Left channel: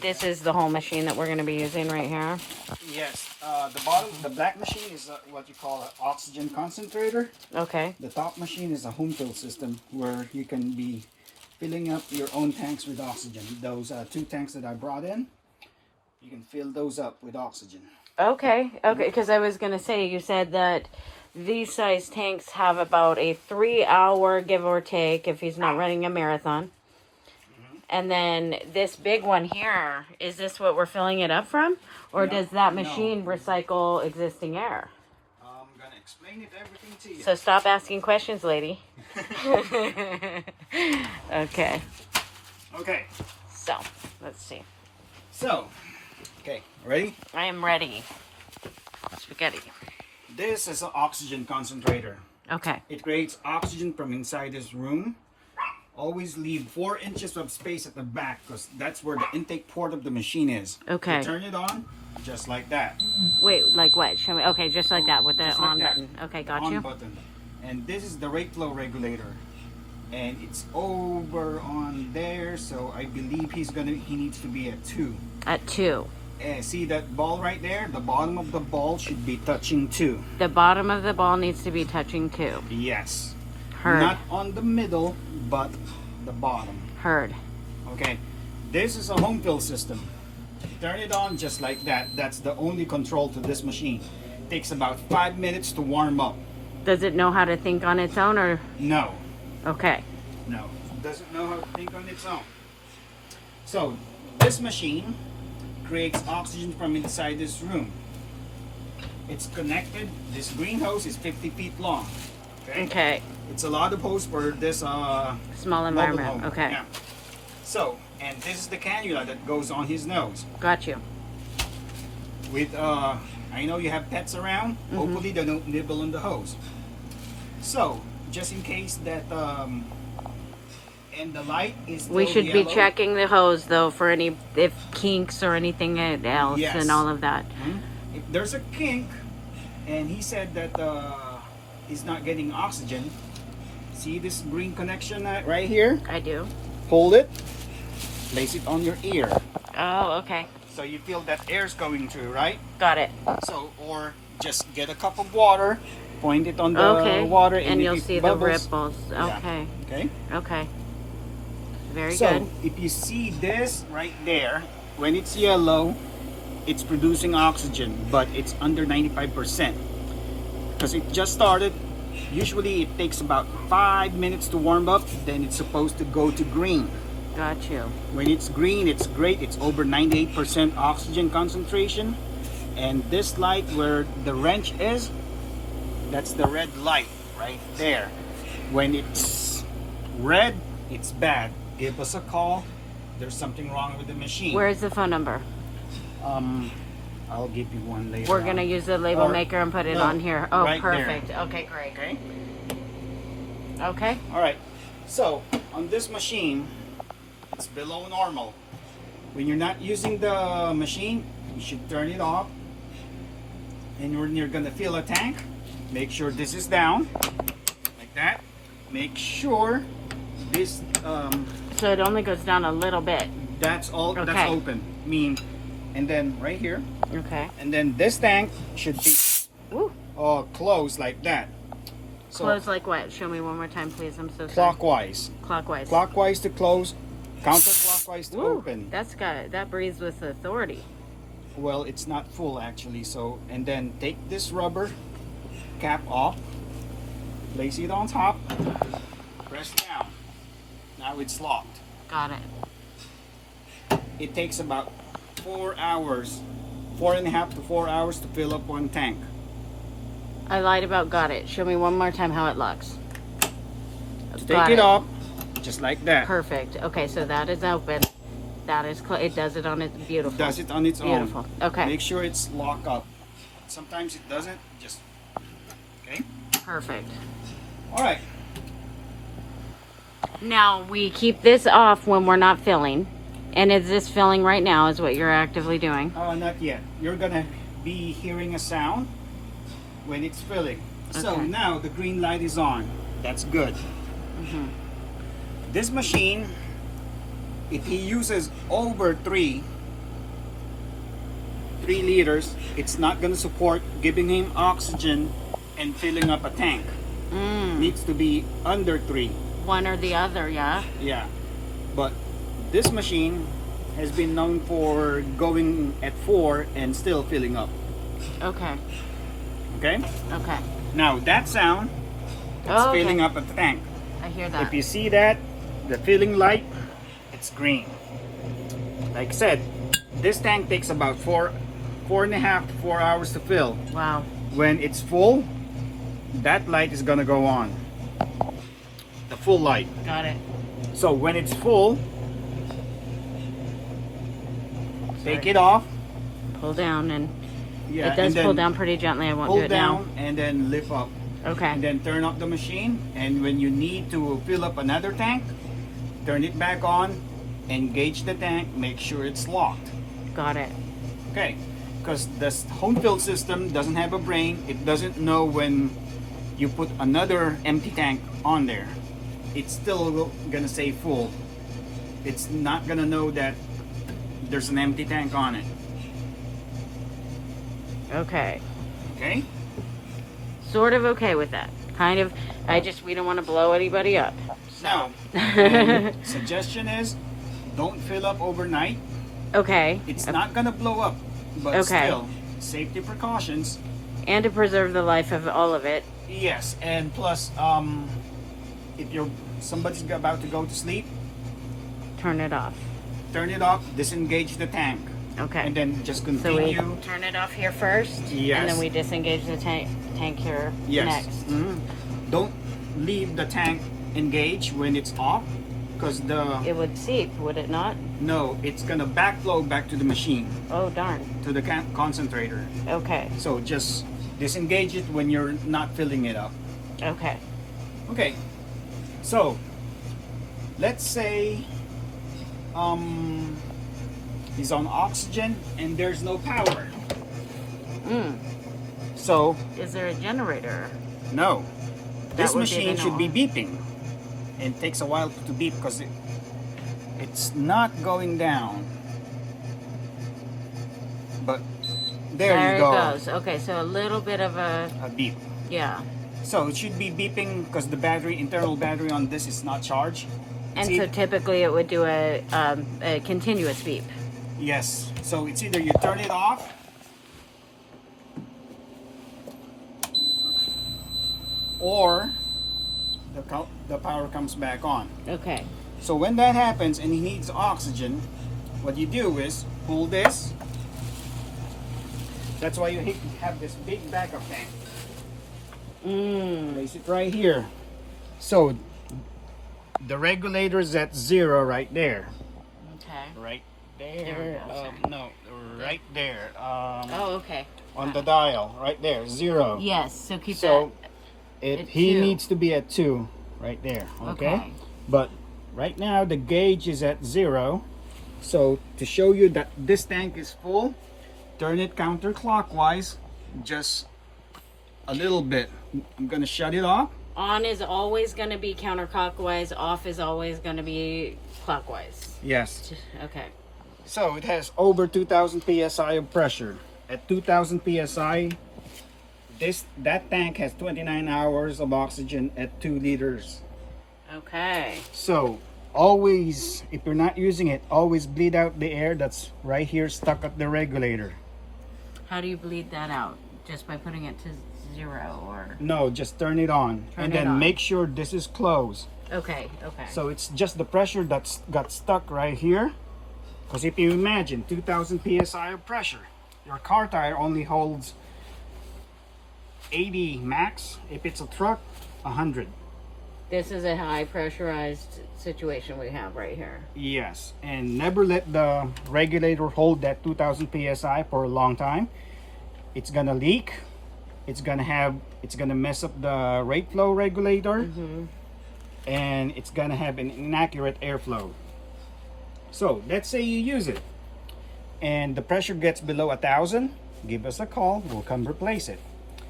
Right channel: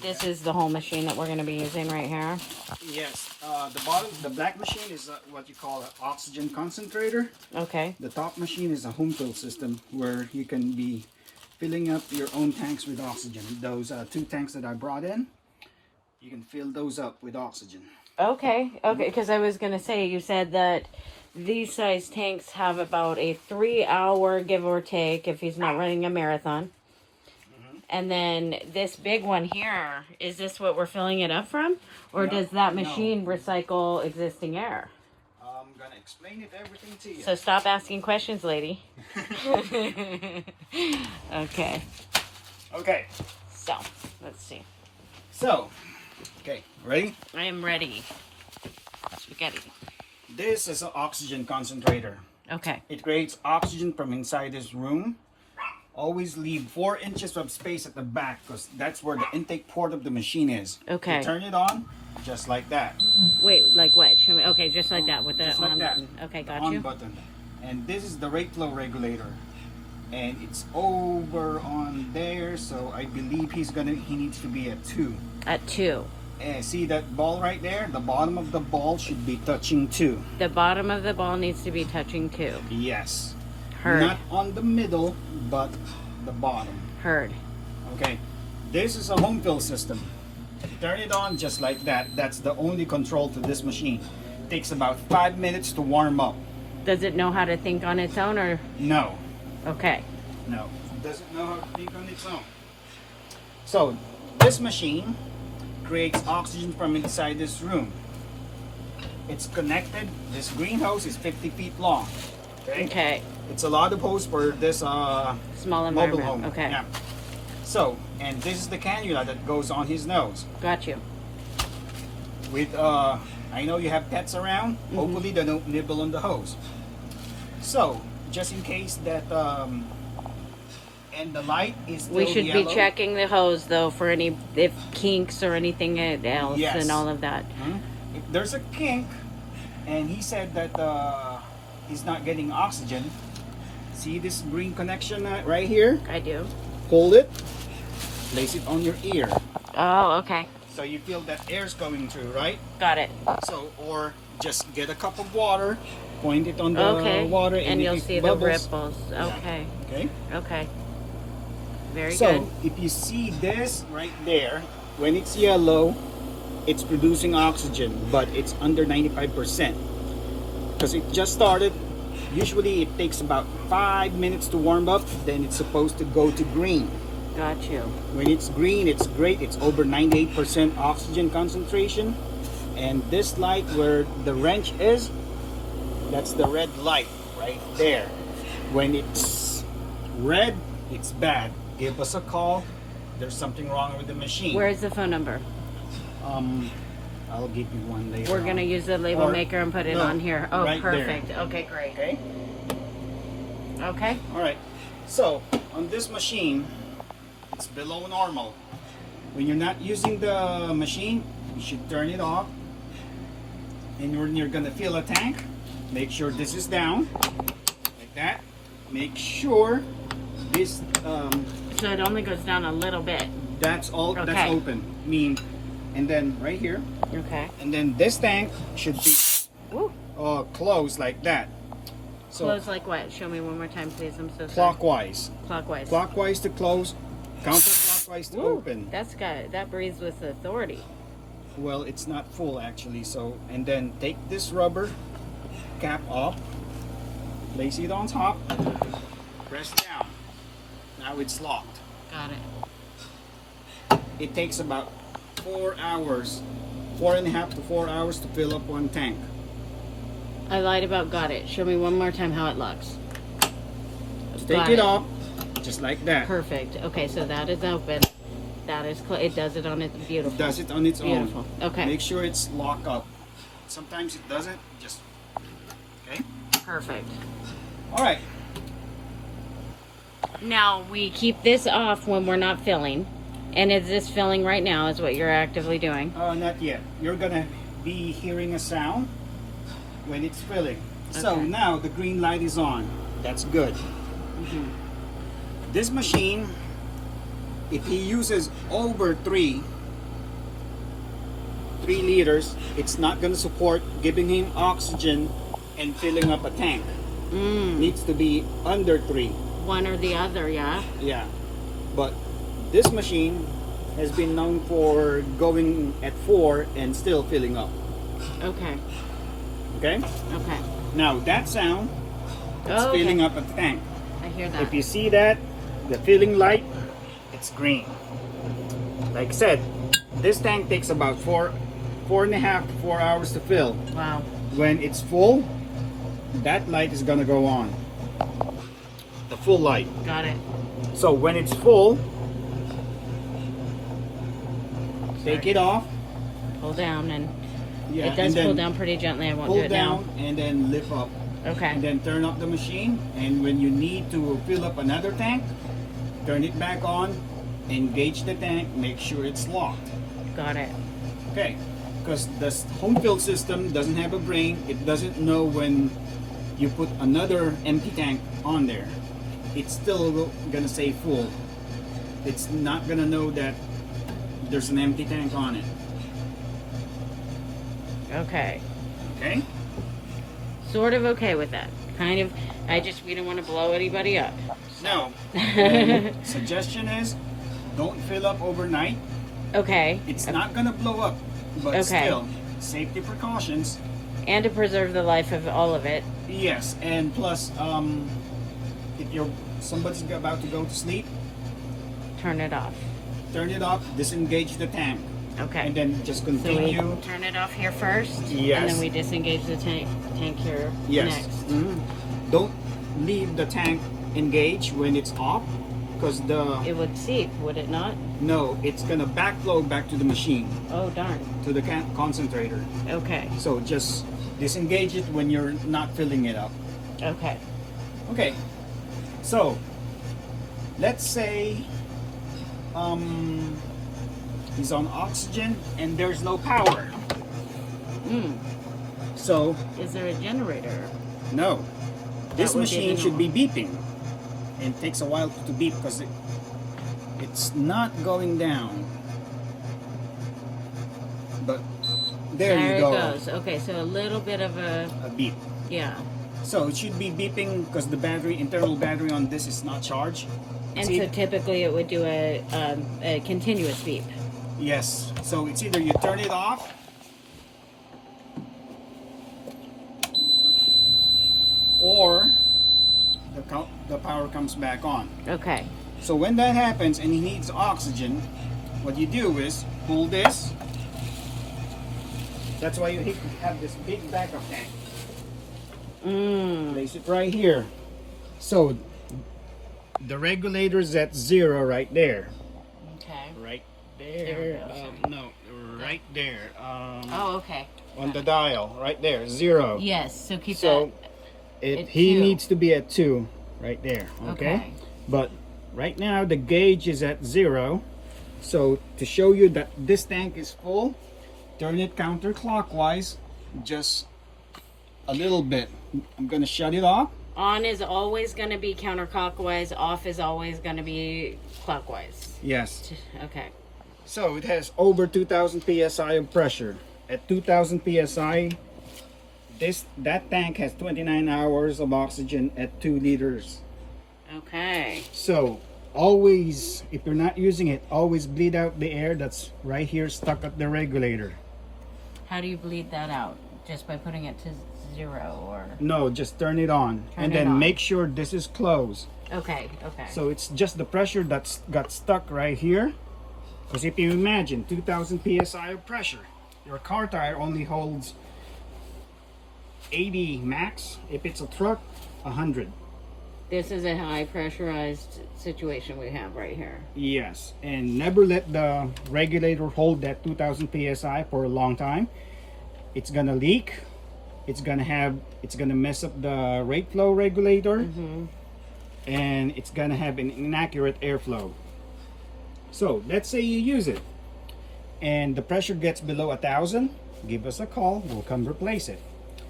This is the whole machine that we're going to be using right here. Yes. The black machine is what you call an oxygen concentrator. Okay. The top machine is a home fill system where you can be filling up your own tanks with oxygen. Those 2 tanks that I brought in, you can fill those up with oxygen. Okay. Okay. Because I was going to say, you said that these size tanks have about a 3-hour give or take if he's not running a marathon. And then this big one here, is this what we're filling it up from? Or does that machine recycle existing air? I'm going to explain everything to you. So stop asking questions, lady. Okay. Okay. So, let's see. So, okay, ready? I am ready. Spaghetti. This is an oxygen concentrator. Okay. It creates oxygen from inside this room. Always leave 4 inches of space at the back because that's where the intake port of the machine is. Okay. You turn it on just like that. Wait, like what? Show me. Okay, just like that with the Just on like that. button. Okay, The got on you. button. And this is the rate flow regulator. And it's over on there, so I believe he needs to be at 2. At 2. See that ball right there? The bottom of the ball should be touching 2. The bottom of the ball needs to be touching 2. Yes. Heard. Not on the middle, but the bottom. Heard. Okay. This is a home fill system. Turn it on just like that. That's the only control to this machine. It takes about 5 minutes to warm up. Does it know how to think on its own or? No. Okay. No. It doesn't know how to think on its own. So, this machine creates oxygen from inside this room. It's connected. This green hose is 50 feet long. Okay. It's a lot of hose for this Small mobile environment. home. Okay. Yeah. So, and this is the cannula that goes on his nose. Got you. With I know you have pets around. Hopefully they don't nibble on the hose. So, just in case that and the light is still We should yellow. be checking the hose though for any if kinks or anything else Yes. and all of that. If there's a kink, and he said that he's not getting oxygen. See this green connection right here? I do. Hold it. Place it on your ear. Oh, okay. So you feel that air's going through, right? Got it. So, or just get a cup of water, point it on the water, and if you'll it see bubbles, the ripples. Yeah. Okay. Okay. Okay. Very So good. if you see this right there, when it's yellow, it's producing oxygen, but it's under 95%. Because it just started. Usually it takes about 5 minutes to warm up, then it's supposed to go to green. Got you. When it's green, it's great. It's over 98% oxygen concentration. And this light where the wrench is, that's the red light right there. When it's red, it's bad. Give us a call. There's something wrong with the machine. Where's the phone number? I'll give you one later. We're gonna use the label maker and put it on here. Oh, right perfect. there. Okay, great. Okay. Okay. All right. So on this machine, it's below normal. When you're not using the machine, you should turn it off. And when you're gonna fill a tank, make sure this is down, like that. Make sure this. So it only goes down a little bit. That's all. Okay. That's open. And then right here. Okay. And then this tank should be closed like that. So Close like what? Show me one more time, please. I'm so sorry. clockwise. Clockwise. Clockwise to close, counterclockwise to open. That's good. That breathes with authority. Well, it's not full actually. So, and then take this rubber cap off, place it on top, press down. Now it's locked. Got it. It takes about 4 hours, 4.5 to 4 hours to fill up one tank. I lied about got it. Show me one more time how it looks. Take it off, just like that. Perfect. Okay, so that is open. That is it does it on its beautiful. It does it on its Beautiful. own. Okay. Make sure it's locked up. Sometimes it doesn't. Just okay. Perfect. All right. Now we keep this off when we're not filling. And is this filling right now is what you're actively doing? Not yet. You're gonna be hearing a sound when it's filling. So now the green light is on. That's good. This machine if he uses over 3 liters, it's not going to support giving him oxygen and filling up a tank. Needs to be under 3. One or the other, yeah. Yeah, but this machine has been known for going at 4 and still filling up. Okay. Okay. Okay. Now that sound, it's Oh, filling up a tank. I hear that. If you see that, the filling light, it's green. Like I said, this tank takes about 4.5 to 4 hours to fill. Wow. When it's full, that light is gonna go on. The full light. Got it. So when it's full, take it off. Pull down and Yeah, it does and then pull down pretty gently. I won't pull do it down and then lift up. now. Okay. And then turn off the machine. And when you need to fill up another tank, turn it back on, engage the tank, make sure it's locked. Got it. Okay, because the home fill system doesn't have a brain. It doesn't know when you put another empty tank on there. It's still gonna say full. It's not gonna know that there's an empty tank on it. Okay. Okay? Sort of okay with that. Kind of. We don't want to blow anybody up. No. And suggestion is, don't fill up overnight. Okay. It's not gonna blow up, but Okay. still, safety precautions. And to preserve the life of all of it. Yes, and plus, if somebody's about to go to sleep, Turn it off. turn it off, disengage the tank, Okay. and then just So we continue. turn it off here first. Yes. And then we disengage the tank here Yes. next. Don't leave the tank engaged when it's off, because It would seep, would it not? no, it's gonna backflow back to the machine, Oh, darn. to the concentrator. Okay. So just disengage it when you're not filling it up. Okay. Okay, so let's say he's on oxygen and there's no power. So Is there a generator? no, this would be the machine should no. be beeping. It takes a while to beep because it's not going down. But there you it go. goes. Okay, so a little bit of a, A beep. yeah. So it should be beeping because the internal battery on this is not charged. And See? so typically it would do a continuous beep. Yes. So it's either you turn it off or the power comes back on. Okay. So when that happens and he needs oxygen, what you do is pull this. That's why you have this big backup tank. Place it right here. So the regulator is at 0 right there. Okay. Right There there. we go. No, right there. Oh, okay. On the dial, right there, 0. Yes, so keep So At he 2. needs to be at 2 right there. Okay? Okay. But right now the gauge is at 0. So to show you that this tank is full, turn it counterclockwise, just a little bit. I'm gonna shut it off. On is always going to be counterclockwise. Off is always going to be clockwise. Yes. Okay. So it has over 2,000 psi of pressure. At 2,000 psi, that tank has 29 hours of oxygen at 2 liters. Okay. So always, if you're not using it, always bleed out the air that's right here stuck at the regulator. How do you bleed that out? Just by putting it to 0 or? No, just turn it on. Turn and it then on. make sure this is closed. Okay, okay. So it's just the pressure that's got stuck right here. Because if you imagine 2,000 psi of pressure, your car tire only holds 80 max. If it's a truck, 100. This is a high pressurized situation we have right here. Yes, and never let the regulator hold that 2,000 psi for a long time. It's gonna leak. It's gonna mess up the rate flow regulator, and it's gonna have an inaccurate airflow. So let's say you use it, and the pressure gets below 1,000. Give us a call. We'll come replace it.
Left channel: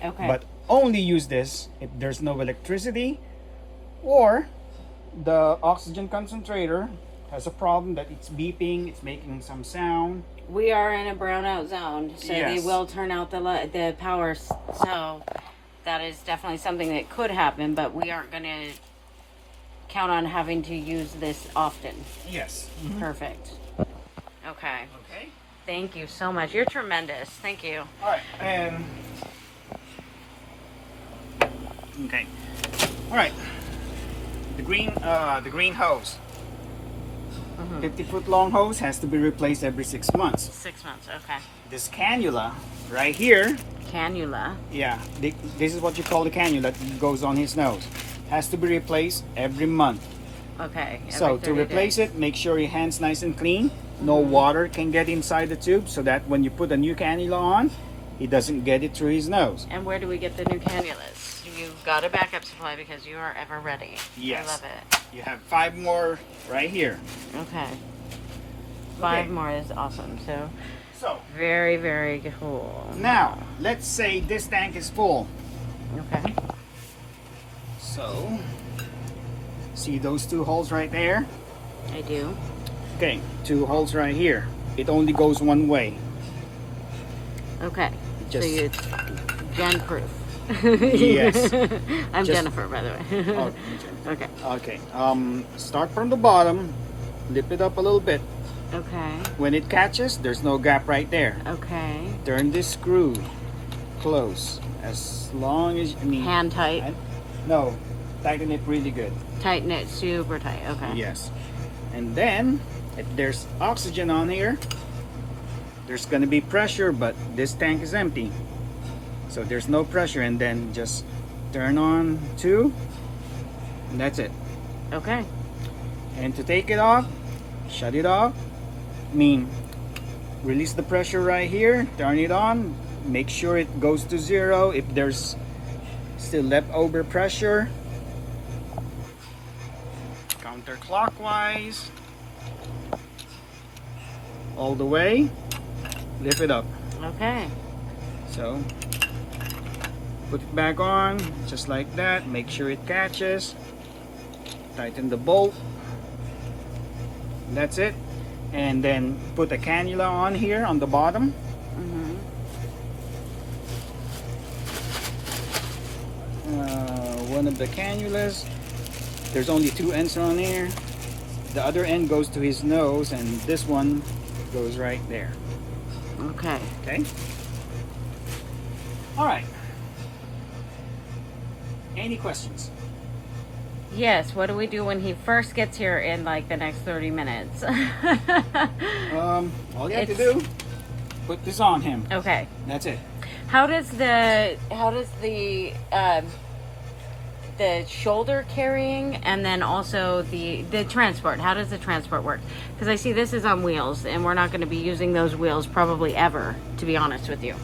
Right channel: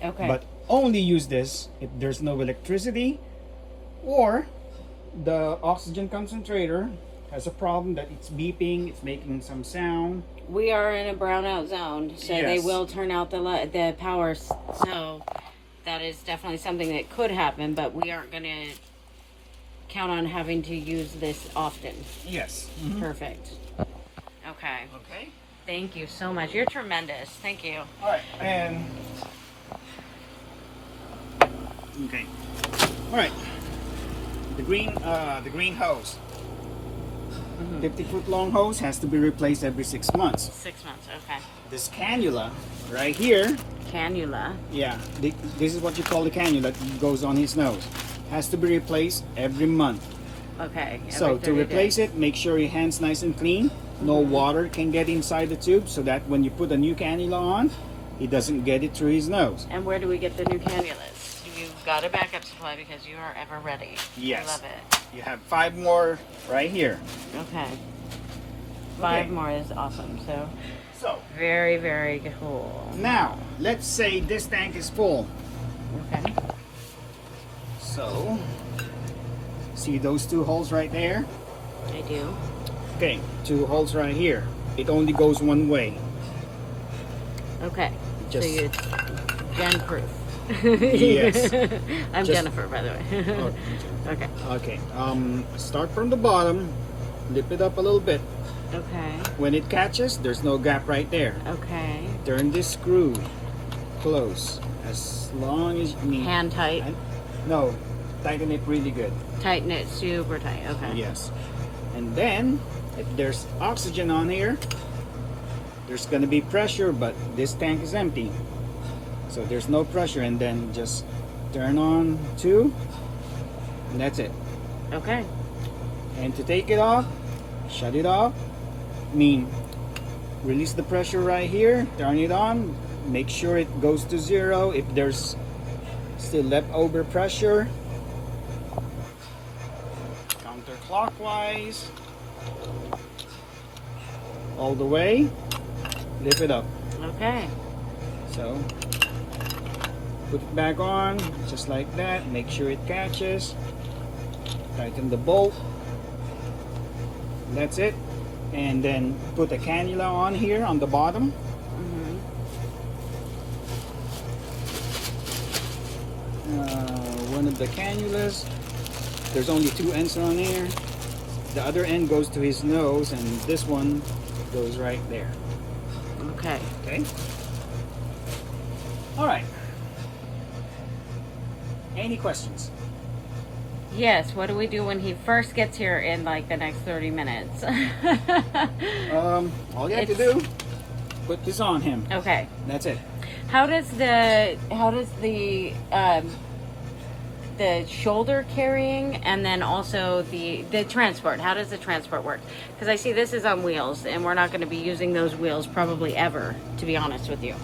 Okay. But only use this if there's no electricity, or the oxygen concentrator has a problem that it's beeping, it's making some sound. We are in a brownout zone, so they Yes. will turn out the power. So that is definitely something that could happen, but we aren't going to count on having to use this often. Yes. Perfect. Okay. Okay. Thank you so much. You're tremendous. Thank you. All right. Okay. All right. The green hose. 50-foot long hose has to be replaced every 6 months. 6 months. Okay. This cannula right here, Cannula. yeah, this is what you call the cannula that goes on his nose. Has to be replaced every month. Okay. So to replace it, make sure your hand's nice and clean. No water can get inside the tube, so that when you put a new cannula on, it doesn't get it through his nose. And where do we get the new cannulas? You've got a backup supply because you are ever ready. Yes. I love it. You have 5 more right here. Okay. 5 more is awesome. So Very, very cool. now, let's say this tank is full. Okay. So, see those 2 holes right there? I do. Okay, 2 holes right here. It only goes one way. Okay. Just- So you're gun proof. Yes. I'm Just- Jennifer, by the way. Oh, Okay. okay. Start from the bottom, lift it up a little bit. Okay. When it catches, there's no gap right there. Okay. Turn this screw close as long as Hand tight. No, tighten it really good. Tighten it super tight. Okay. Yes. And then, if there's oxygen on here, there's going to be pressure, but this tank is empty. So there's no pressure, and then just turn on 2, and that's it. Okay. And to take it off, shut it off. Release the pressure right here, turn it on, make sure it goes to 0. If there's still leftover pressure, counterclockwise, all the way, lift it up. Okay. So, put it back on, just like that, make sure it catches, tighten the bolt, that's it. And then put a cannula on here on the bottom. One of the cannulas, there's only 2 ends on here. The other end goes to his nose, and this one goes right there. Okay. Okay? All right. Any questions? Yes. What do we do when he first gets here in like the next 30 minutes? All you have to do, put this on him. Okay. That's it. How does the shoulder carrying and then also the transport, how does the transport work? Because I see this is on wheels and we're not going to be using those wheels probably ever, to be honest with you.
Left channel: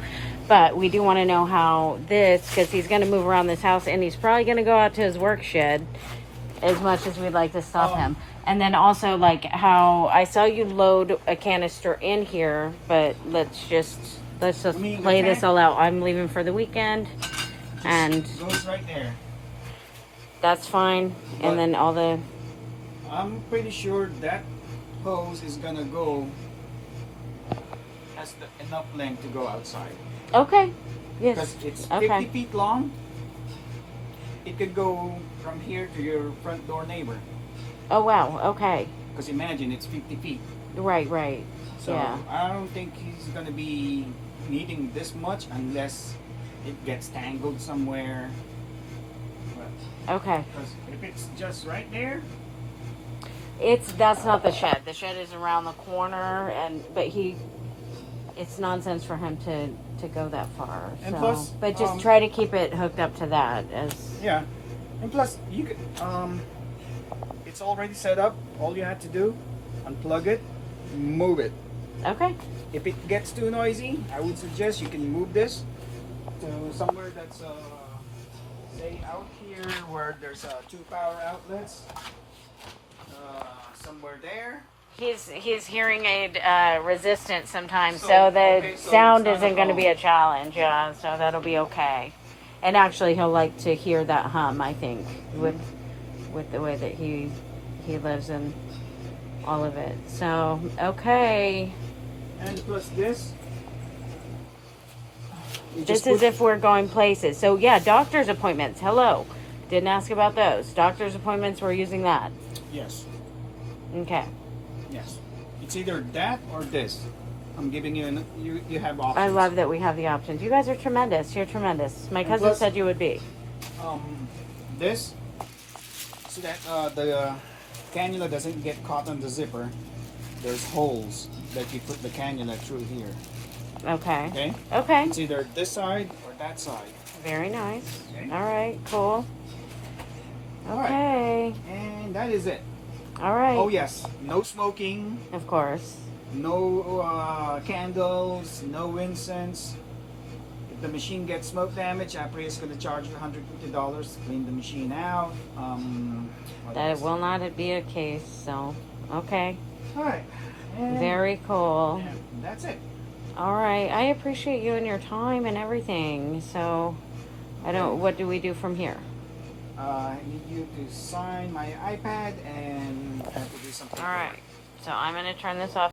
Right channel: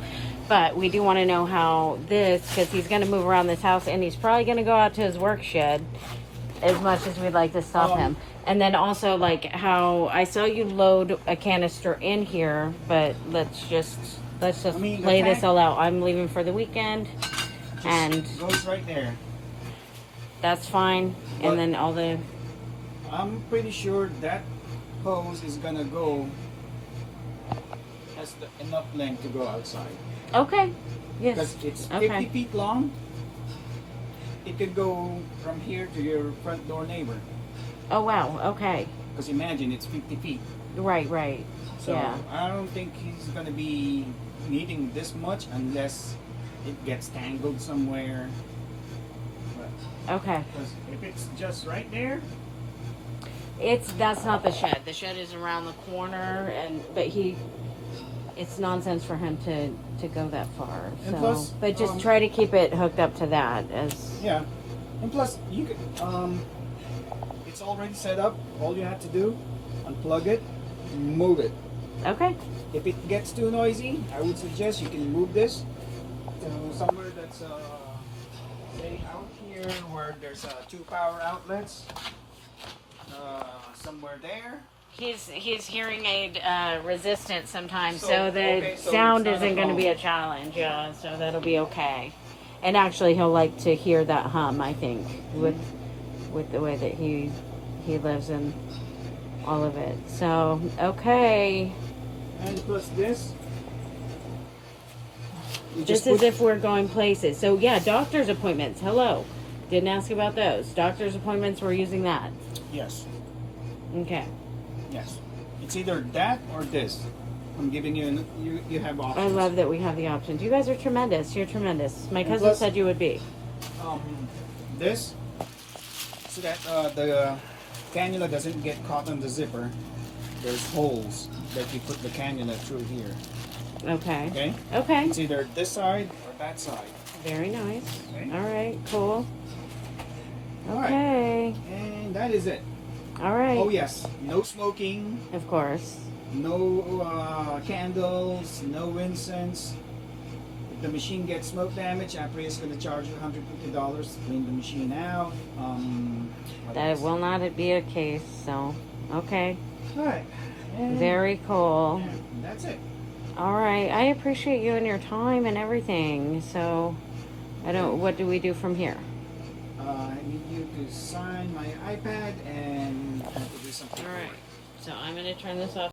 But we do want to know how this, because he's going to move around this house and he's probably going to go out to his work shed as much as we'd like to stop him. And then also like how I saw you load a canister in here, but let's just lay this all out. I'm leaving for the weekend and Goes right there. that's fine. But- And then all the, I'm pretty sure that hose is gonna go, has enough length to go outside. okay. Yes. Because it's 50 Okay. feet long. It could go from here to your front door neighbor. Oh wow. Okay. Because imagine it's 50 feet. Right. Right. So Yeah. I don't think he's gonna be needing this much unless it gets tangled somewhere. But Okay. 'cause if it's just right there, That's not the shed. The shed is around the corner, but it's nonsense for him to go that far. And So, plus, but just try to keep it hooked up to that as. yeah. And plus, you could, it's already set up. All you have to do, unplug it, move it. Okay. If it gets too noisy, I would suggest you can move this to somewhere that's, say out here where there's 2 power outlets. Somewhere there. He's hearing aid resistant sometimes, So, so the okay, so sound it's not isn't a going to be a problem. challenge. Yeah, so that'll be okay. And actually, he'll like to hear that hum. I think with the way that he lives in all of it. So, okay. And plus this. You This just is put- if we're going places. So, yeah, doctor's appointments. Hello. Didn't ask about those. Doctor's appointments, we're using that. Yes. Okay. Yes. It's either that or this. I'm giving you, you have options. I love that we have the options. You guys are tremendous. You're tremendous. My And cousin plus- said you would be. This, so that the cannula doesn't get caught on the zipper. There's holes that you put the cannula through here. Okay. Okay? Okay. It's either this side or that side. Very nice. Okay? All right. Cool. All right. Okay. And that is it. All right. Oh yes, no smoking, Of course. no candles, no incense. If the machine gets smoke damage, Apria is going to charge you $150 to clean the machine out. What That else? will not be a case. So, okay. All right. And Very cool. that's it. All right. I appreciate you and your time and everything. So, I don't. What do we do from here? I need you to sign my iPad and I have to do something. All right. So I'm going to turn this off.